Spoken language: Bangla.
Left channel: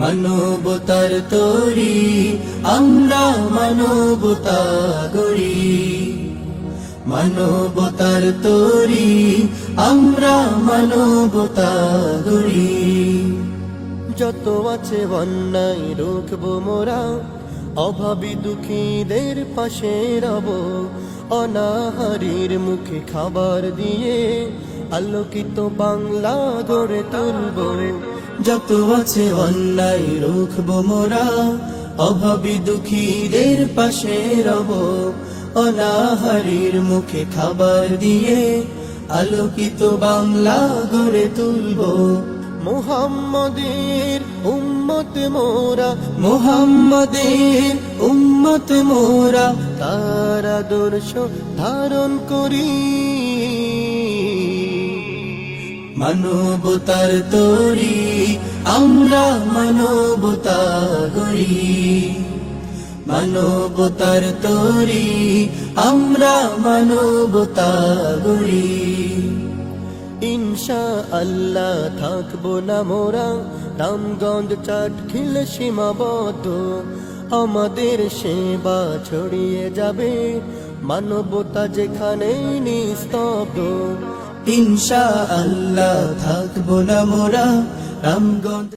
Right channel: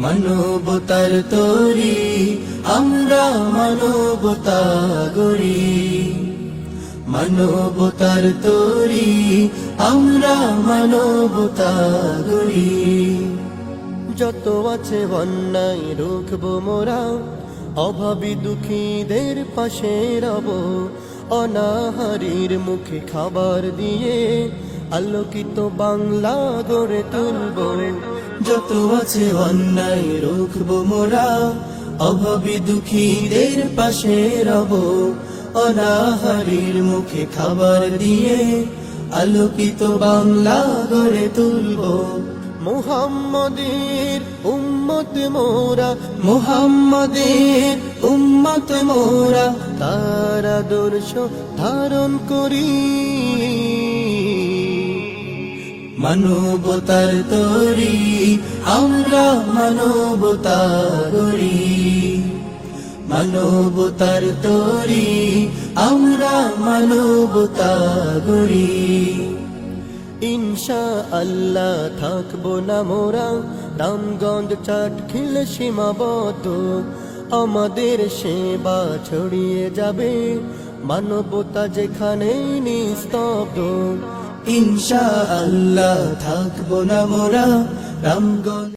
মানবতার তরি আমরা মানবতা গড়ি, মানবতার তরি আমরা মানবতা গড়ি। যত আছে অন্যায় রুখবো মোরা, অভাবী দুঃখীদের পাশে রব, অনাহারীর মুখে খাবার দিয়ে আলোকিত বাংলা গড়ে তুলব। যত আছে অন্যায় রুখবো মোরা, অভাবী দুঃখীদের পাশে রব, অনাহারীর মুখে খাবার দিয়ে আলোকিত বাংলা গড়ে তুলব। মুহাম্মাদের উম্মত মোরা, মুহাম্মাদের উম্মত মোরা, তার আদর্শ ধারণ করি। মানবতার তরি আমরা মানবতা গড়ি, মানবতার তরি আমরা মানবতা গড়ি। ইনশাআল্লাহ থাকবো না মোরা রামগঞ্জ চাটখিল সীমাবদ্ধ, আমাদের সেবা ছড়িয়ে যাবে মানবতা যেখানে নিস্তব্ধ। ইনশাআল্লাহ থাকবো না মোরা রামগঞ্জ